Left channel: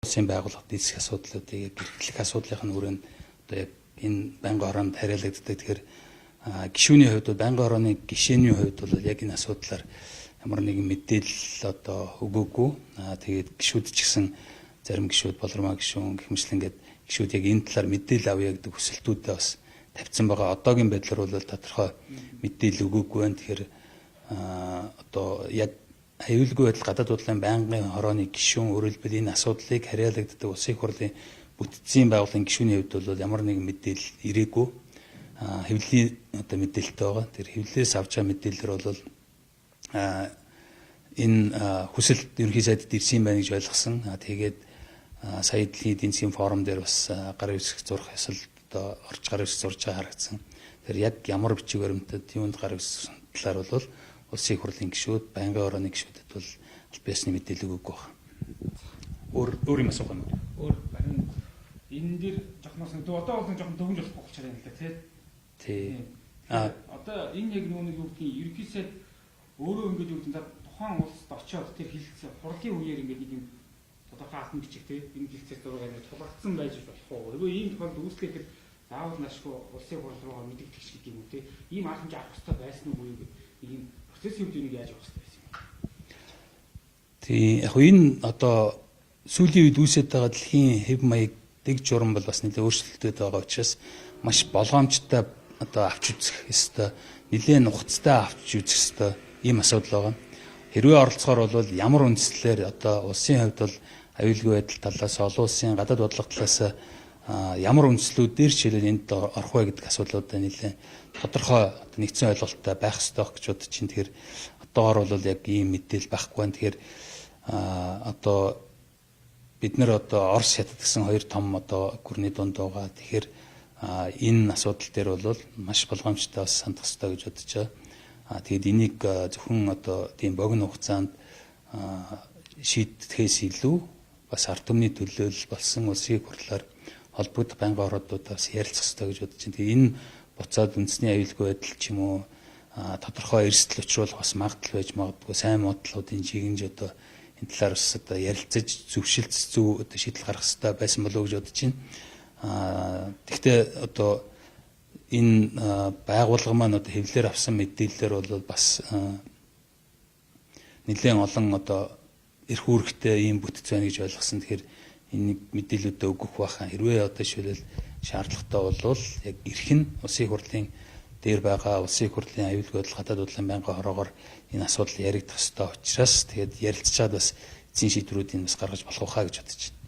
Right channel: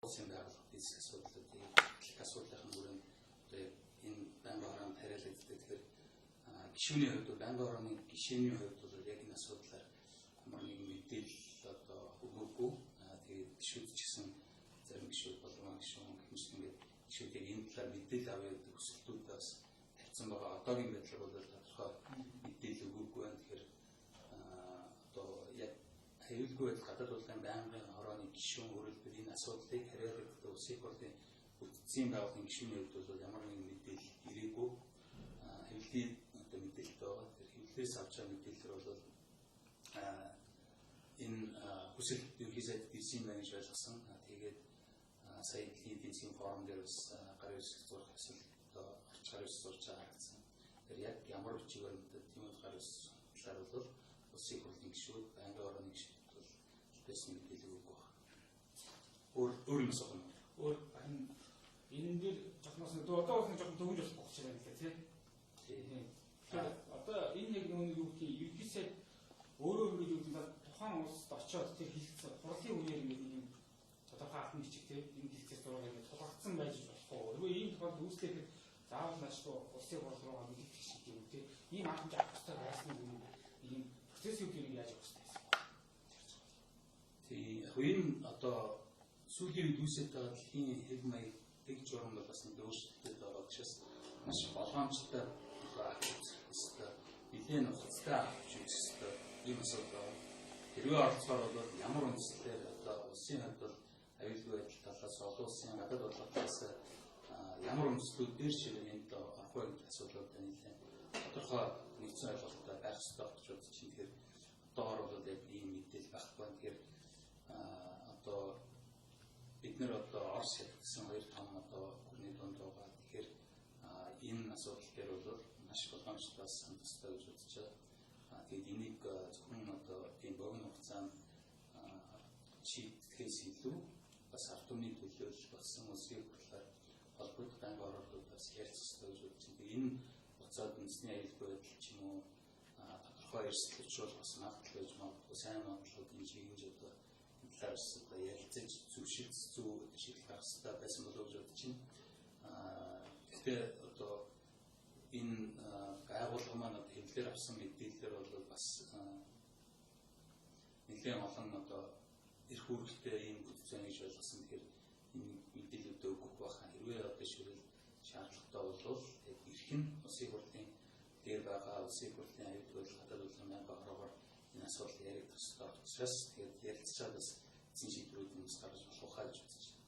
Улсын байгууллагад эзэх асуудлуудыг эрхлэх асуудлын хүрээнд одоо яг энэ байнгын хороонд хариалагддаг. Тэгэхээр гишүүний хувьд бол байнгын хорооны гишээний хувьд бол яг энэ асуудлаар ямар нэгэн мэдээлэл одоо өгөөгүй. Тэгээд гишүүд ч гэсэн зарим гишүүд болормоо гишүүн гэх мэт ингээд гишүүд яг энэ талаар мэдээлэл авъя гэдэг хүсэлтүүдээ бас тавьсан байгаа. Одоогийн байдлаар бол тодорхой мэдээлэл өгөөгүй байна. Тэгэхээр одоо яг аюулгүй байдал гадаад бодлогын байнгын хорооны гишүүн өөрөлдвөл энэ асуудлыг хариалагддаг улсын их хурлын бүтцийн байгууллагын гишүүний хувьд бол ямар нэгэн мэдээлэл ирээгүй. Хэвлэлийн одоо мэдээлэлтэй байгаа. Тэр хэвлэлээс авч байгаа мэдээлэлэр бол энэ хүсэлт ерөнхий сайдд ирсэн байна гэж ойлгосон. Тэгээд сая дэлхийн эдийн засгийн форум дээр бас гар хэвсэх зурх ясал одоо орж гар хэвсэх зурж байгаа харагдсан. Тэр яг ямар бичиг баримтад юунд гар хэвсэх талаар бол улсын их хурлын гишүүд, байнгын хорооны гишүүдэд бол аль биесны мэдээлэл өгөөгүй байна. Өөр юм асуух юм уу? Өөр харин энэ дээр жохноос нэг одоо бол жоохон төвөн жолох болчиход байна л да тий. Одоо энэ яг нэг юу гэдгийг ерөнхий сайд өөрөө ингэж юу гэдэг тухайн улсад очиод тэр хилцээ хурлын үеэр ингэж нэг юм тодорхой албан бичиг тий энэ хилцээс зураг ингэ тулгагдсан байж болох уу? Эгөө ийм тохиолдолд үүсгэхээр заавал наашгүй улсын хурл руугаа мэдэгдэх шиг юм уу тий? Ийм алхамж авах хэрэгтэй байсан уу гэдэг ийм процессын үеийг яаж явах хэрэгтэй юм бэ? Тий яг энэ одоо сүүлийн үед үүсэж байгаа дэлхийн хэв маягыг журам бол бас нэлээд өөрчлөлттэй байгаа учраас маш болгоомжтой одоо авч үзэх ёстой, нэлээд нухацтай авч үзэх ёстой ийм асуудал байгаа. Хэрвээ оролцохоор бол ямар үндслээр одоо улсын хувьд бол аюулгүй байдал талаас, олон улсын гадаад бодлого талаас ямар үндслүүдээр жишээлбэл энд орох вэ гэдэг асуудлуудаа нэлээд тодорхой нэгдсэн ойлголттой байх ёстой гэж бодож чинь. Тэгэхээр одоогоор бол яг ийм мэдээлэл байхгүй байна. Тэгэхээр одоо бид нар одоо Орос хятад гэсэн хоёр том одоо гүрний дунд байгаа. Тэгэхээр энэ асуудал дээр бол маш болгоомжтой бас сандах ёстой гэж бодож байгаа. Тэгэд энийг зөвхөн одоо тийм богино хугацаанд шийдэхээс илүү бас ард түмний төлөөлөл болсон улсын их хурлаар холбогдох байнгын ороодуудаас ярилцах ёстой гэж бодож байна. Тэгээ энэ буцаад үндэсний аюулгүй байдал ч юм уу тодорхой эрсдэл учруулах бас магадлал байж магадгүй. Сайн модлуудын жигэнж одоо энэ талаар бас одоо ярилцаж зөвшөлтс зөв одоо шийдэл гаргах хэрэгтэй байсан болов уу гэж бодож байна. Гэхдээ одоо энэ байгууллага маань одоо хэвлэлээр авсан мэдээлэлээр бол бас нэлээд олон одоо эрх үүрэгтэй ийм бүтц байна гэж ойлгосон. Тэгэхээр энэ мэдээлэлүүдээ өгөх байхаа хэрвээ одоо шийдэл шаардлагатай бол яг эрх нь улсын их хурлын дээр байгаа улсын их хурлын аюулгүй байдал гадаад бодлогын байнгын хороогоор энэ асуудал яригдах ёстой учраас тэгээд ярилцчаад бас эзэн шийдвэрүүдийг бас гаргаж болох байхаа гэж бодож байна.